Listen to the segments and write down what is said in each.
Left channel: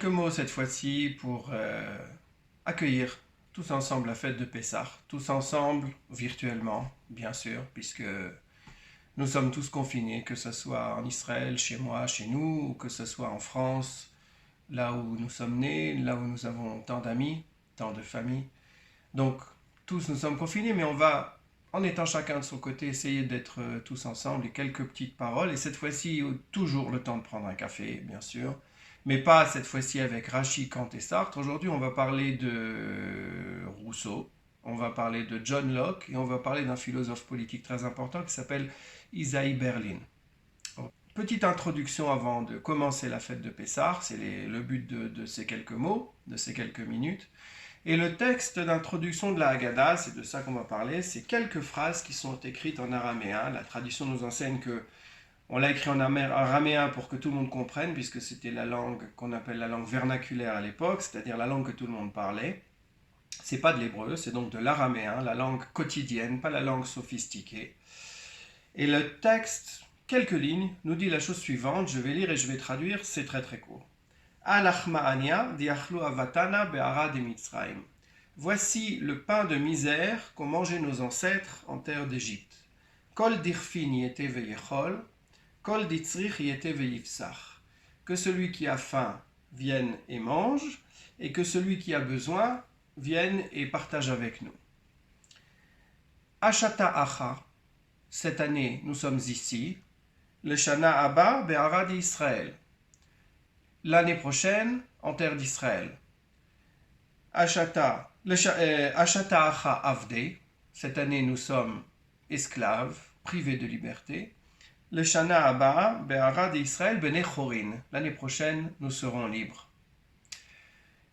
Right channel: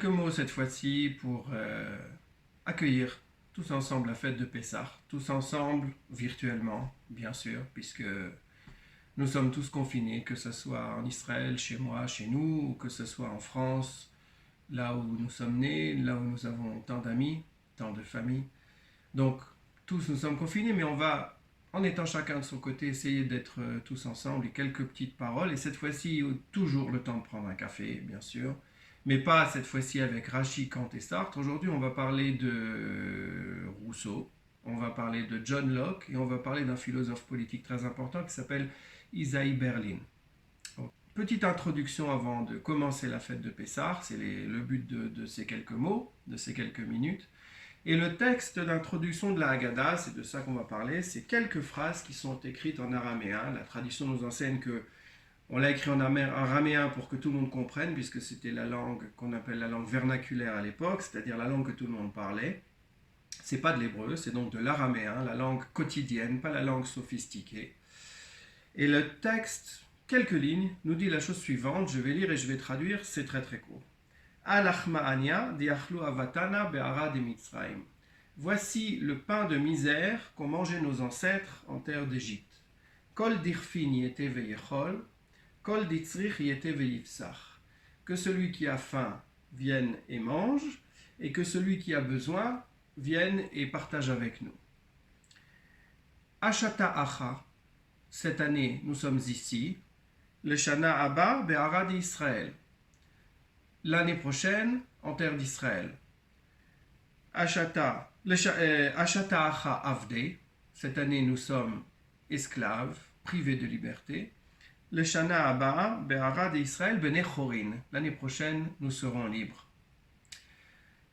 quelques mots cette fois-ci pour accueillir tous ensemble la fête de Pessah, tous ensemble virtuellement, bien sûr, puisque nous sommes tous confinés, que ce soit en Israël, chez moi, chez nous, ou que ce soit en France, là où nous sommes nés, là où nous avons tant d'amis, tant de familles. Donc, tous nous sommes confinés, mais on va, en étant chacun de son côté, essayer d'être tous ensemble et quelques petites paroles. Et cette fois-ci, toujours le temps de prendre un café, bien sûr, mais pas cette fois-ci avec Rachid, Kant et Sartre. Aujourd'hui, on va parler de Rousseau, on va parler de John Locke et on va parler d'un philosophe politique très important qui s'appelle Isaiah Berlin. Petite introduction avant de commencer la fête de Pessah, c'est le but de ces quelques mots, de ces quelques minutes. Et le texte d'introduction de la Haggadah, c'est de ça qu'on va parler, c'est quelques phrases qui sont écrites en araméen. La tradition nous enseigne que on l'a écrit en araméen pour que tout le monde comprenne, puisque c'était la langue qu'on appelle la langue vernaculaire à l'époque, c'est-à-dire la langue que tout le monde parlait. C'est pas de l'hébreu, c'est donc de l'araméen, la langue quotidienne, pas la langue sophistiquée. Et le texte, quelques lignes, nous dit la chose suivante, je vais lire et je vais traduire, c'est très très court. Voici le pain de misère qu'ont mangé nos ancêtres en terre d'Égypte. Kol dirfin yete veyechol, kol ditzrich yete veyifsach. Que celui qui a faim vienne et mange, et que celui qui a besoin vienne et partage avec nous. Ashata acha, cette année nous sommes ici, le Shana Abba be'arad Israël. L'année prochaine en terre d'Israël. Ashata Acha Avde, cette année nous sommes esclaves, privés de liberté. Le Shana Abba Be'arad Israël Bene Chorin, l'année prochaine nous serons libres.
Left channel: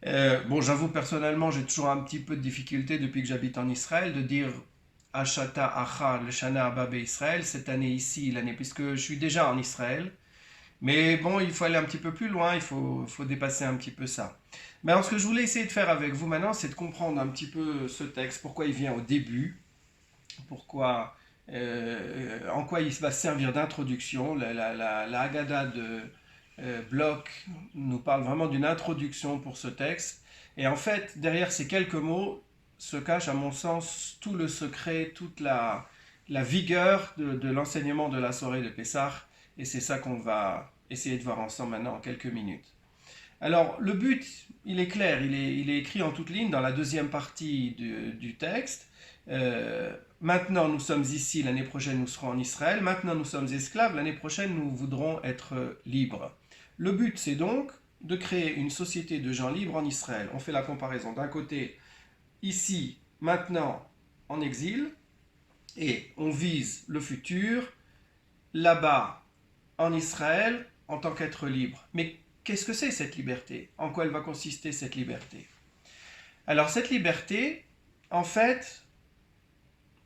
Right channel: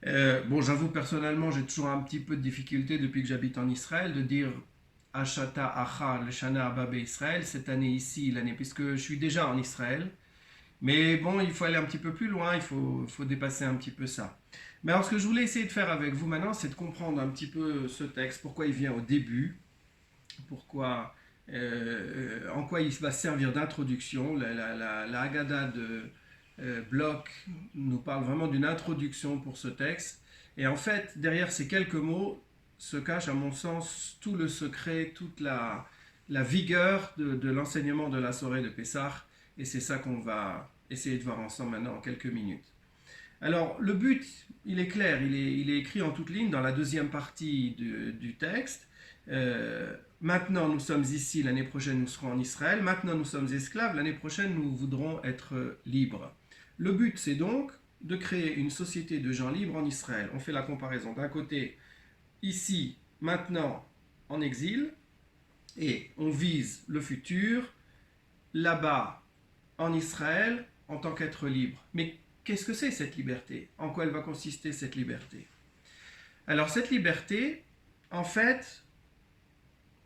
Bon, j'avoue personnellement, j'ai toujours un petit peu de difficulté depuis que j'habite en Israël de dire Ashata Acha, le Shana Abba Be'Israël, cette année ici, l'année, puisque je suis déjà en Israël. Mais bon, il faut aller un petit peu plus loin, il faut dépasser un petit peu ça. Mais alors, ce que je voulais essayer de faire avec vous maintenant, c'est de comprendre un petit peu ce texte, pourquoi il vient au début, pourquoi, en quoi il va servir d'introduction. La Haggadah de Bloch nous parle vraiment d'une introduction pour ce texte. Et en fait, derrière ces quelques mots se cache, à mon sens, tout le secret, toute la vigueur de l'enseignement de la soirée de Pessah. Et c'est ça qu'on va essayer de voir ensemble maintenant en quelques minutes. Alors, le but, il est clair, il est écrit en toutes lignes dans la deuxième partie du texte. Maintenant, nous sommes ici, l'année prochaine, nous serons en Israël. Maintenant, nous sommes esclaves, l'année prochaine, nous voudrons être libres. Le but, c'est donc de créer une société de gens libres en Israël. On fait la comparaison d'un côté, ici, maintenant, en exil, et on vise le futur, là-bas, en Israël en tant qu'être libre. Mais qu'est-ce que c'est cette liberté? En quoi elle va consister cette liberté? Alors cette liberté, en fait,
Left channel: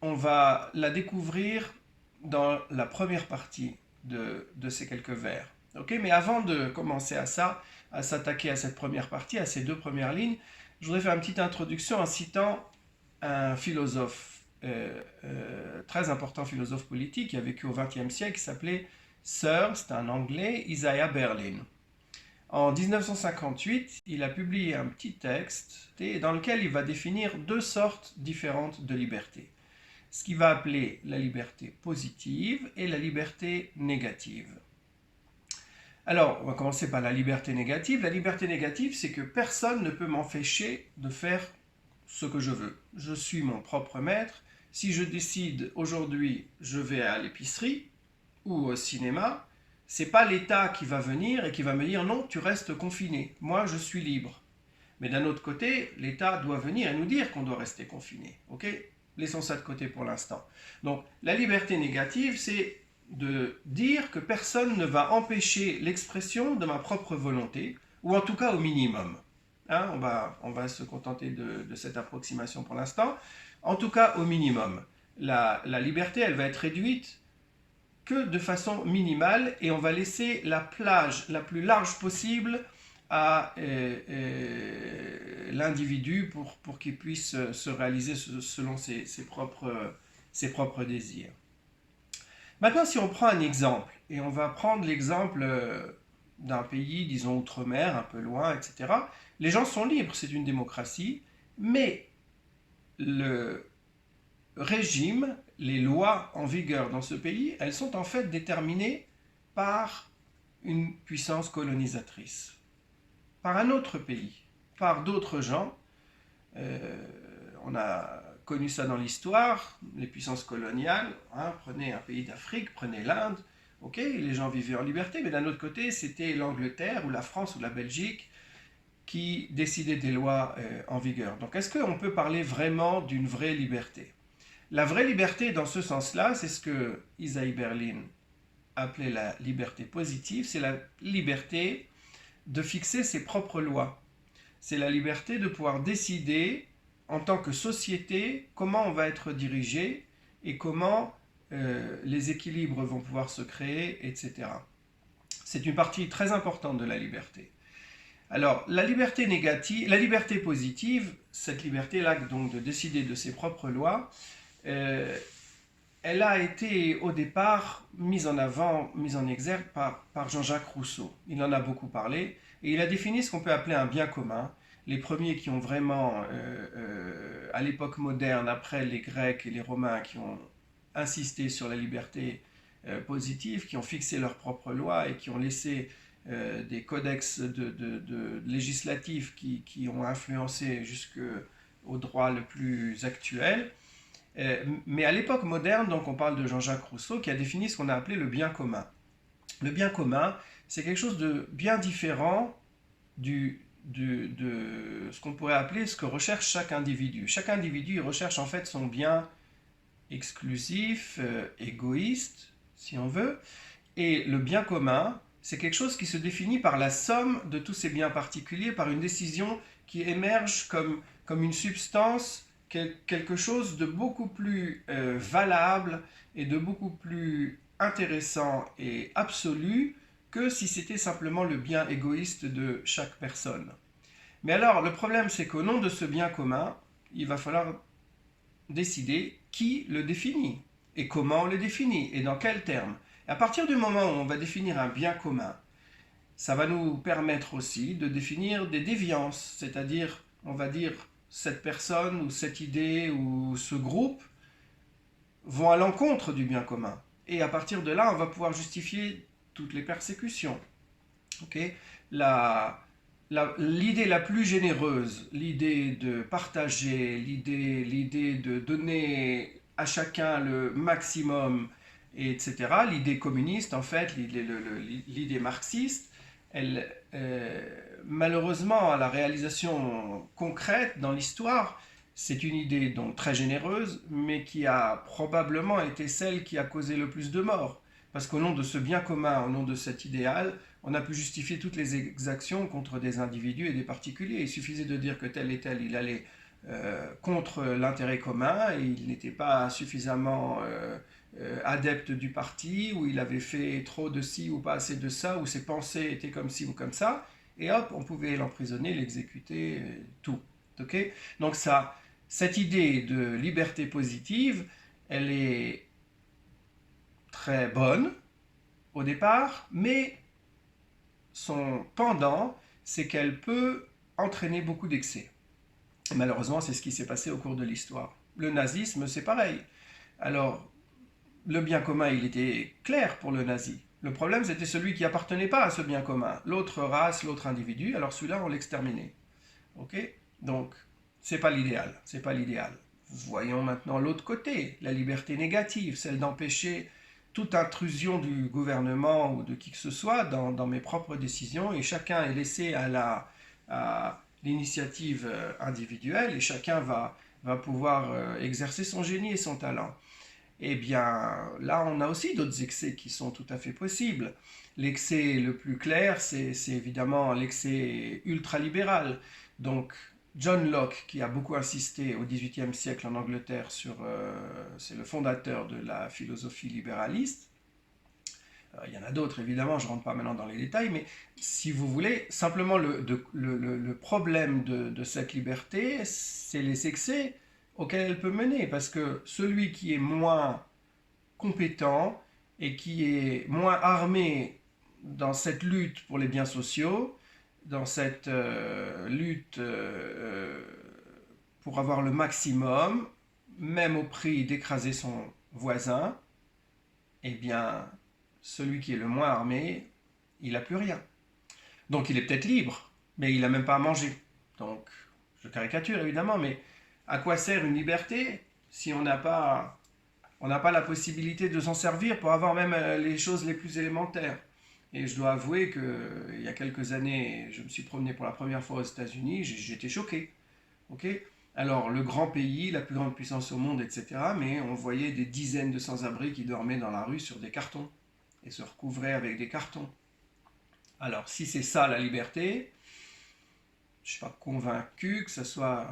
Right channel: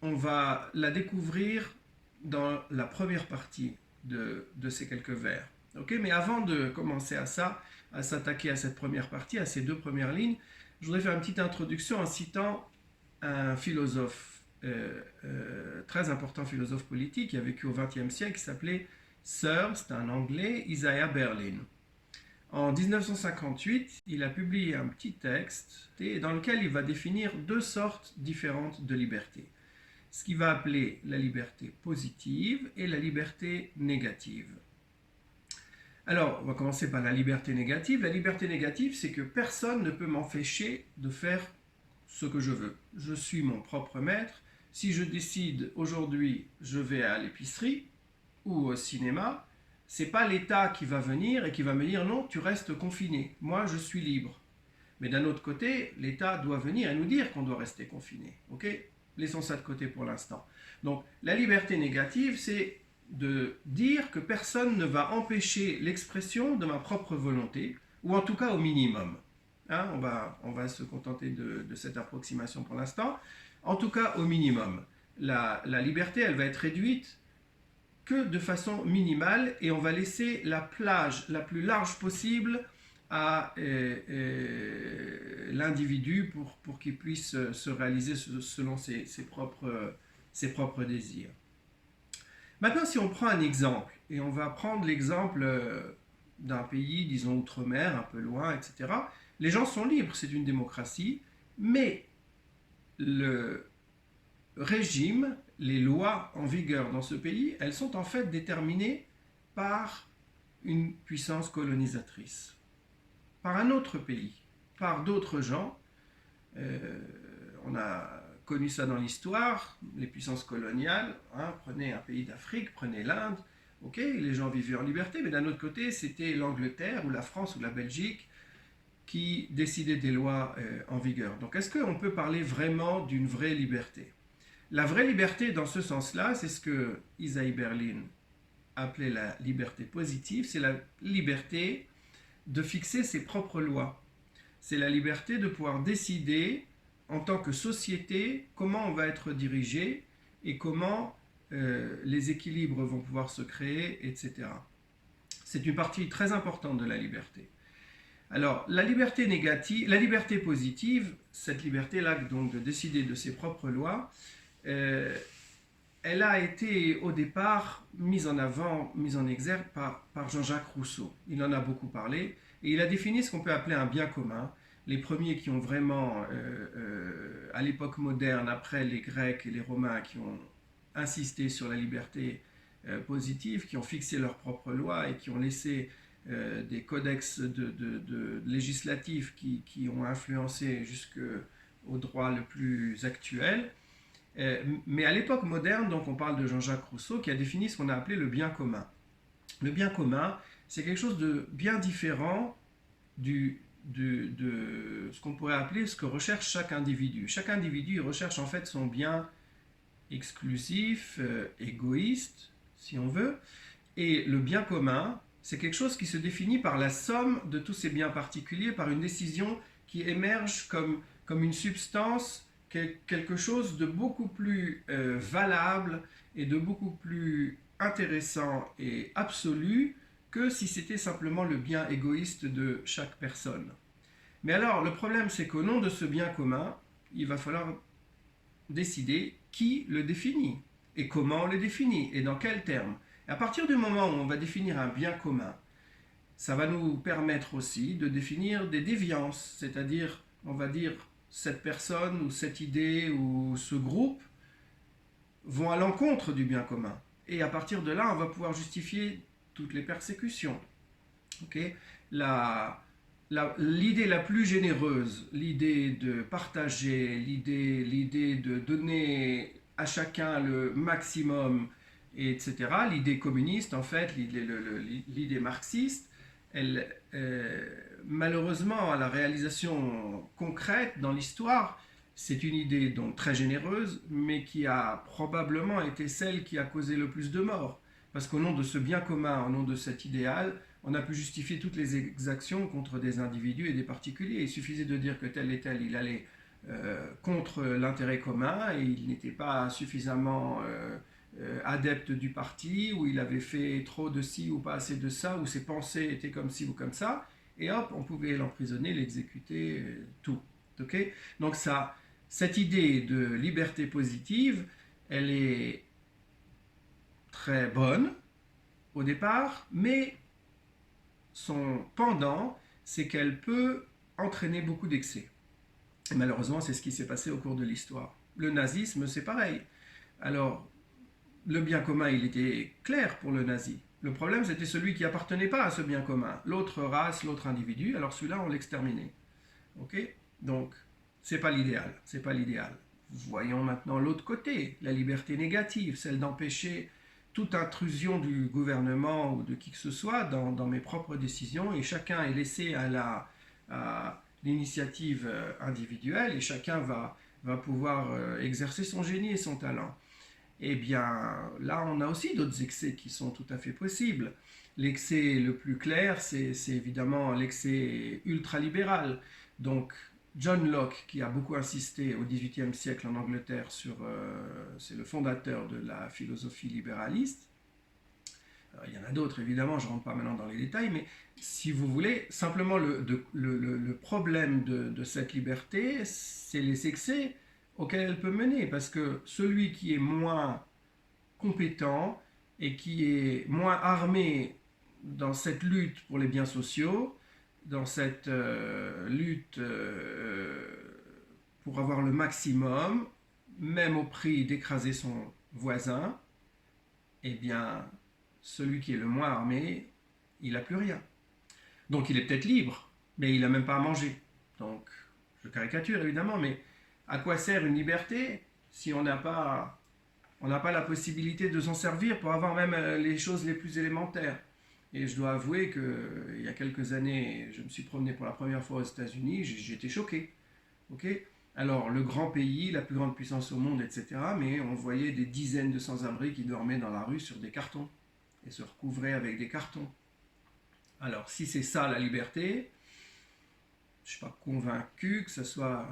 on va la découvrir dans la première partie de ces quelques vers. Okay? Mais avant de commencer à ça, à s'attaquer à cette première partie, à ces deux premières lignes, je voudrais faire une petite introduction en citant un philosophe, très important philosophe politique qui a vécu au XXe siècle, qui s'appelait Sir, c'est un anglais, Isaiah Berlin. En 1958, il a publié un petit texte dans lequel il va définir deux sortes différentes de liberté. Ce qu'il va appeler la liberté positive et la liberté négative. Alors, on va commencer par la liberté négative. La liberté négative, c'est que personne ne peut m'empêcher de faire ce que je veux. Je suis mon propre maître. Si je décide aujourd'hui, je vais à l'épicerie, ou au cinéma, c'est pas l'État qui va venir et qui va me dire non, tu restes confiné, moi je suis libre. Mais d'un autre côté, l'État doit venir et nous dire qu'on doit rester confiné. Ok? Laissons ça de côté pour l'instant. Donc la liberté négative, c'est de dire que personne ne va empêcher l'expression de ma propre volonté, ou en tout cas au minimum. Hein, on va se contenter de cette approximation pour l'instant. En tout cas au minimum. La liberté, elle va être réduite que de façon minimale et on va laisser la plage la plus large possible à l'individu pour qu'il puisse se réaliser selon ses propres désirs. Maintenant, si on prend un exemple, et on va prendre l'exemple d'un pays, disons outre-mer, un peu loin, etc. Les gens sont libres, c'est une démocratie, mais le régime, les lois en vigueur dans ce pays, elles sont en fait déterminées par une puissance colonisatrice, par un autre pays, par d'autres gens. On a connu ça dans l'histoire, les puissances coloniales, hein, prenez un pays d'Afrique, prenez l'Inde, ok, les gens vivaient en liberté, mais d'un autre côté, c'était l'Angleterre ou la France ou la Belgique qui décidaient des lois en vigueur. Donc est-ce qu'on peut parler vraiment d'une vraie liberté? La vraie liberté dans ce sens-là, c'est ce que Isaiah Berlin appelait la liberté positive, c'est la liberté de fixer ses propres lois. C'est la liberté de pouvoir décider en tant que société comment on va être dirigé et comment les équilibres vont pouvoir se créer, etc. C'est une partie très importante de la liberté. Alors, la liberté négative, la liberté positive, cette liberté-là donc de décider de ses propres lois, elle a été au départ mise en avant, mise en exergue par Jean-Jacques Rousseau. Il en a beaucoup parlé et il a défini ce qu'on peut appeler un bien commun. Les premiers qui ont vraiment, à l'époque moderne, après les Grecs et les Romains, qui ont insisté sur la liberté positive, qui ont fixé leurs propres lois et qui ont laissé des codex législatifs qui ont influencé jusqu'au droit le plus actuel. Mais à l'époque moderne, donc on parle de Jean-Jacques Rousseau qui a défini ce qu'on a appelé le bien commun. Le bien commun, c'est quelque chose de bien différent de ce qu'on pourrait appeler ce que recherche chaque individu. Chaque individu recherche en fait son bien exclusif, égoïste, si on veut, et le bien commun, c'est quelque chose qui se définit par la somme de tous ces biens particuliers, par une décision qui émerge comme une substance, quelque chose de beaucoup plus valable et de beaucoup plus intéressant et absolu que si c'était simplement le bien égoïste de chaque personne. Mais alors, le problème, c'est qu'au nom de ce bien commun, il va falloir décider qui le définit et comment on le définit et dans quels termes. À partir du moment où on va définir un bien commun, ça va nous permettre aussi de définir des déviances, c'est-à-dire, on va dire, cette personne ou cette idée ou ce groupe vont à l'encontre du bien commun. Et à partir de là, on va pouvoir justifier toutes les persécutions. Okay? L'idée la plus généreuse, l'idée de partager, l'idée de donner à chacun le maximum, etc., l'idée communiste, en fait, l'idée marxiste, elle, malheureusement, à la réalisation concrète dans l'histoire, c'est une idée donc très généreuse, mais qui a probablement été celle qui a causé le plus de morts. Parce qu'au nom de ce bien commun, au nom de cet idéal, on a pu justifier toutes les exactions contre des individus et des particuliers. Il suffisait de dire que tel et tel, il allait contre l'intérêt commun et il n'était pas suffisamment adepte du parti, ou il avait fait trop de ci ou pas assez de ça, ou ses pensées étaient comme ci ou comme ça, et hop, on pouvait l'emprisonner, l'exécuter, tout. Okay? Donc cette idée de liberté positive, elle est très bonne au départ, mais son pendant, c'est qu'elle peut entraîner beaucoup d'excès. Et malheureusement, c'est ce qui s'est passé au cours de l'histoire. Le nazisme, c'est pareil. Alors, le bien commun, il était clair pour le nazi. Le problème, c'était celui qui appartenait pas à ce bien commun. L'autre race, l'autre individu, alors celui-là, on l'exterminait. Ok? Donc, c'est pas l'idéal. C'est pas l'idéal. Voyons maintenant l'autre côté, la liberté négative, celle d'empêcher toute intrusion du gouvernement ou de qui que ce soit dans mes propres décisions, et chacun est laissé à l'initiative individuelle, et chacun va pouvoir exercer son génie et son talent. Eh bien, là, on a aussi d'autres excès qui sont tout à fait possibles. L'excès le plus clair, c'est évidemment l'excès ultralibéral. Donc, John Locke, qui a beaucoup insisté au XVIIIe siècle en Angleterre c'est le fondateur de la philosophie libéraliste. Alors, il y en a d'autres, évidemment, je ne rentre pas maintenant dans les détails, mais si vous voulez, simplement le problème de cette liberté, c'est les excès auxquels elle peut mener, parce que celui qui est moins compétent et qui est moins armé dans cette lutte pour les biens sociaux, dans cette lutte pour avoir le maximum, même au prix d'écraser son voisin, eh bien, celui qui est le moins armé, il n'a plus rien. Donc il est peut-être libre, mais il n'a même pas à manger. Donc, je caricature évidemment, mais à quoi sert une liberté si on n'a pas la possibilité de s'en servir pour avoir même les choses les plus élémentaires? Et je dois avouer qu'il y a quelques années, je me suis promené pour la première fois aux États-Unis, j'étais choqué. Okay, alors, le grand pays, la plus grande puissance au monde, etc., mais on voyait des dizaines de sans-abri qui dormaient dans la rue sur des cartons et se recouvraient avec des cartons. Alors, si c'est ça la liberté, je ne suis pas convaincu que ce soit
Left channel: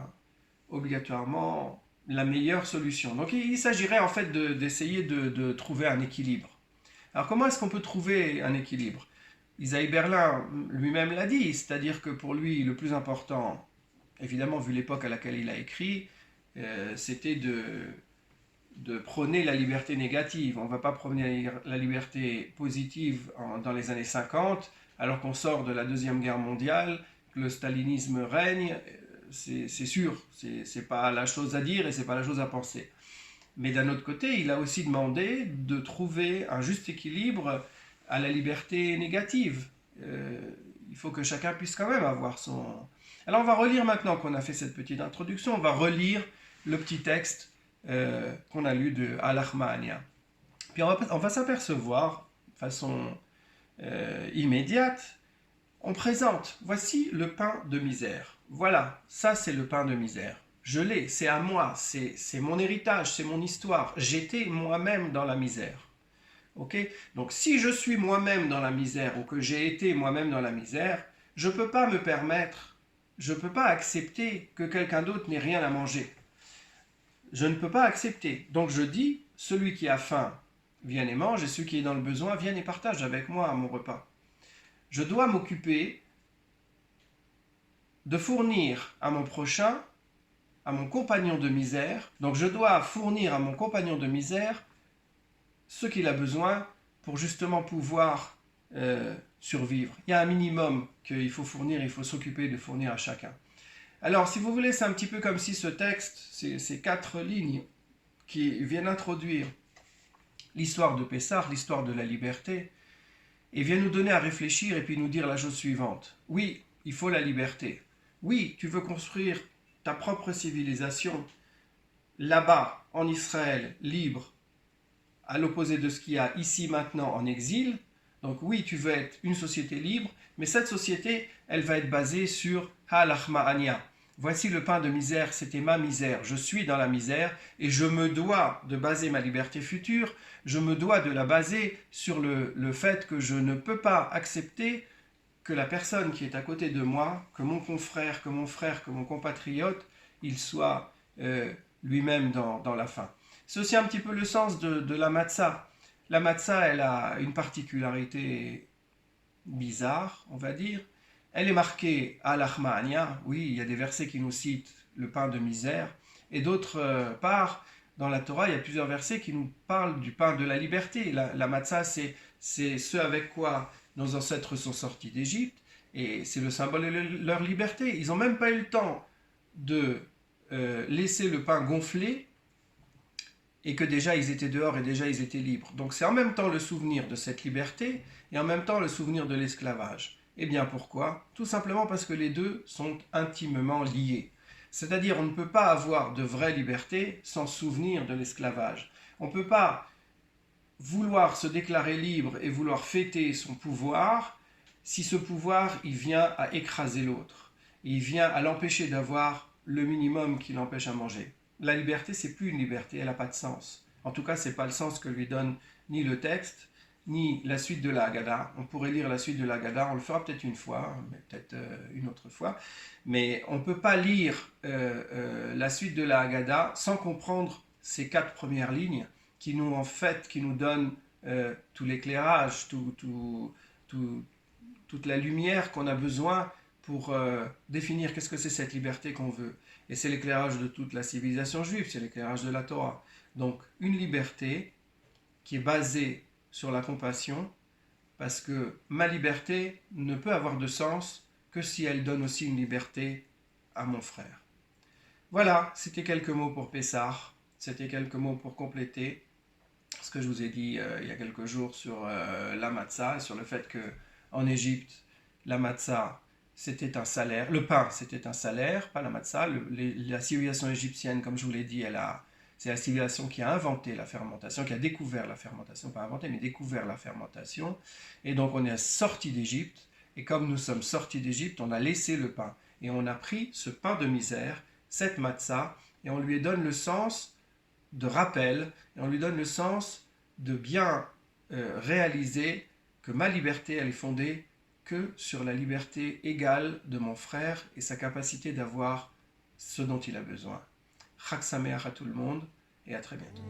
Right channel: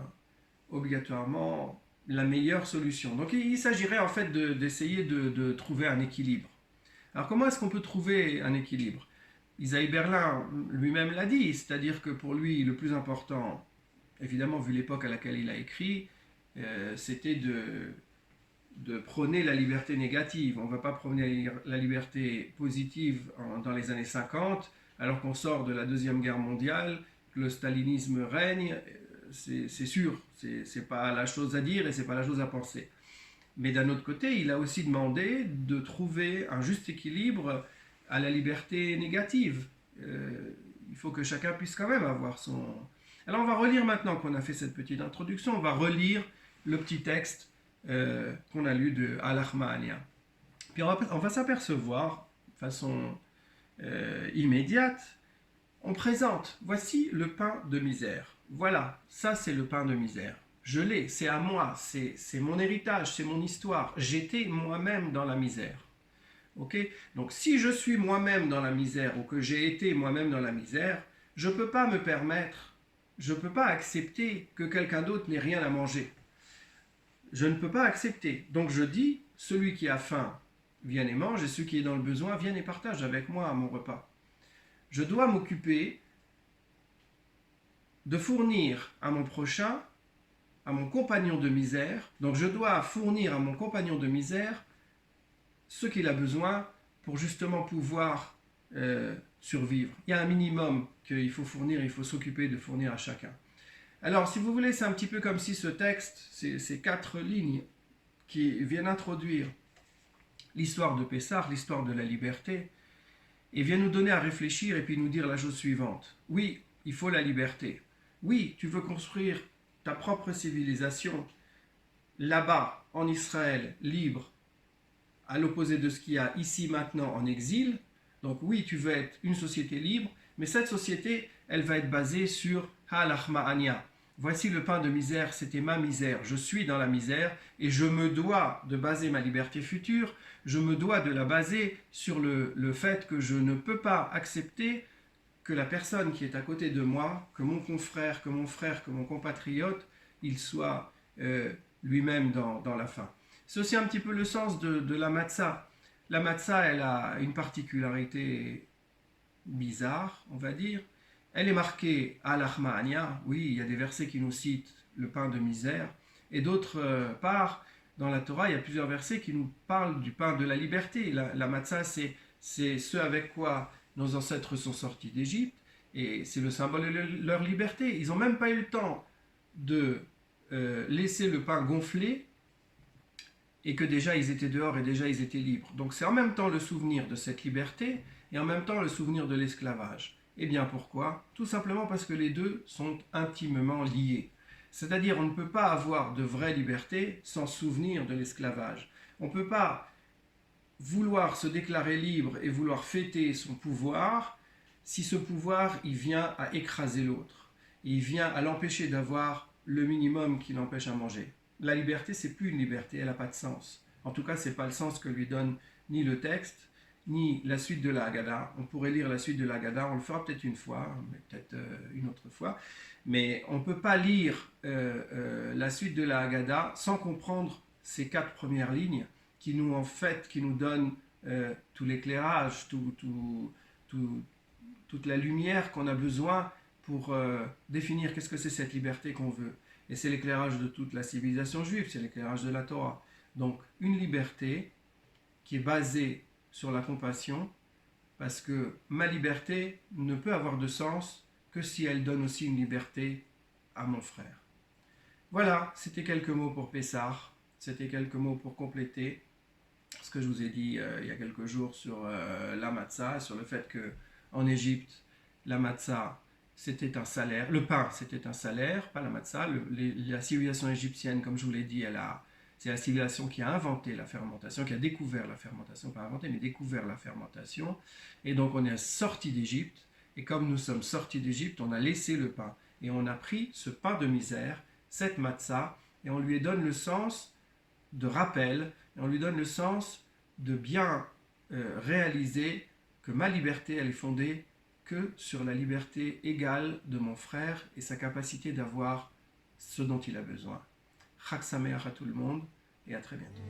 obligatoirement la meilleure solution. Donc, il s'agirait en fait d'essayer de trouver un équilibre. Alors, comment est-ce qu'on peut trouver un équilibre? Isaiah Berlin lui-même l'a dit, c'est-à-dire que pour lui, le plus important, évidemment, vu l'époque à laquelle il a écrit, c'était de prôner la liberté négative. On ne va pas prôner la liberté positive dans les années 50, alors qu'on sort de la Deuxième Guerre mondiale, que le stalinisme règne, c'est sûr, c'est pas la chose à dire et c'est pas la chose à penser. Mais d'un autre côté, il a aussi demandé de trouver un juste équilibre à la liberté négative. Il faut que chacun puisse quand même avoir son... Alors on va relire maintenant qu'on a fait cette petite introduction, on va relire le petit texte qu'on a lu de Al-Ahmania. Puis on va s'apercevoir, de façon immédiate, on présente, voici le pain de misère. Voilà, ça c'est le pain de misère. Je l'ai, c'est à moi, c'est mon héritage, c'est mon histoire. J'étais moi-même dans la misère. Okay? Donc si je suis moi-même dans la misère ou que j'ai été moi-même dans la misère, je ne peux pas me permettre, je ne peux pas accepter que quelqu'un d'autre n'ait rien à manger. Je ne peux pas accepter. Donc je dis, celui qui a faim, vienne et mange, et celui qui est dans le besoin, vienne et partage avec moi mon repas. Je dois m'occuper de fournir à mon prochain, à mon compagnon de misère, donc je dois fournir à mon compagnon de misère ce qu'il a besoin pour justement pouvoir survivre. Il y a un minimum qu'il faut fournir, il faut s'occuper de fournir à chacun. Alors, si vous voulez, c'est un petit peu comme si ce texte, ces 4 lignes qui viennent introduire l'histoire de Pessah, l'histoire de la liberté, et viennent nous donner à réfléchir et puis nous dire la chose suivante. Oui, il faut la liberté. Oui, tu veux construire ta propre civilisation là-bas, en Israël, libre, à l'opposé de ce qu'il y a ici maintenant en exil. Donc oui, tu veux être une société libre, mais cette société, elle va être basée sur Ha'alachma'ania. Voici le pain de misère, c'était ma misère. Je suis dans la misère et je me dois de baser ma liberté future, je me dois de la baser sur le fait que je ne peux pas accepter que la personne qui est à côté de moi, que mon confrère, que mon frère, que mon compatriote, il soit lui-même dans la faim. C'est aussi un petit peu le sens de la matzah. La matzah, elle a une particularité bizarre, on va dire. Elle est marquée à l'Achma'ania. Oui, il y a des versets qui nous citent le pain de misère. Et d'autre part, dans la Torah, il y a plusieurs versets qui nous parlent du pain de la liberté. La matzah, c'est ce avec quoi nos ancêtres sont sortis d'Égypte. Et c'est le symbole de leur liberté. Ils n'ont même pas eu le temps de laisser le pain gonfler et que déjà ils étaient dehors et déjà ils étaient libres. Donc c'est en même temps le souvenir de cette liberté et en même temps le souvenir de l'esclavage. Eh bien pourquoi? Tout simplement parce que les deux sont intimement liés. C'est-à-dire on ne peut pas avoir de vraie liberté sans souvenir de l'esclavage. On ne peut pas vouloir se déclarer libre et vouloir fêter son pouvoir si ce pouvoir il vient à écraser l'autre. Il vient à l'empêcher d'avoir le minimum qui l'empêche à manger. La liberté, c'est plus une liberté, elle n'a pas de sens. En tout cas, ce n'est pas le sens que lui donne ni le texte, ni la suite de la Haggadah. On pourrait lire la suite de la Haggadah, on le fera peut-être une fois, mais peut-être une autre fois. Mais on ne peut pas lire la suite de la Haggadah sans comprendre ces 4 premières lignes qui nous, en fait, qui nous donnent tout l'éclairage, toute la lumière qu'on a besoin pour définir qu'est-ce que c'est cette liberté qu'on veut. Et c'est l'éclairage de toute la civilisation juive, c'est l'éclairage de la Torah. Donc une liberté qui est basée sur la compassion, parce que ma liberté ne peut avoir de sens que si elle donne aussi une liberté à mon frère. Voilà, c'était quelques mots pour Pessah, c'était quelques mots pour compléter ce que je vous ai dit il y a quelques jours sur la matzah, sur le fait que en Égypte, la matzah c'était un salaire, le pain c'était un salaire, pas la matzah. La civilisation égyptienne, comme je vous l'ai dit, c'est la civilisation qui a inventé la fermentation, qui a découvert la fermentation, pas inventé, mais découvert la fermentation. Et donc on est sorti d'Égypte, et comme nous sommes sortis d'Égypte, on a laissé le pain. Et on a pris ce pain de misère, cette matzah, et on lui donne le sens de rappel, et on lui donne le sens de bien réaliser que ma liberté, elle est fondée que sur la liberté égale de mon frère et sa capacité d'avoir ce dont il a besoin. Chag Sameach à tout le monde et à très bientôt.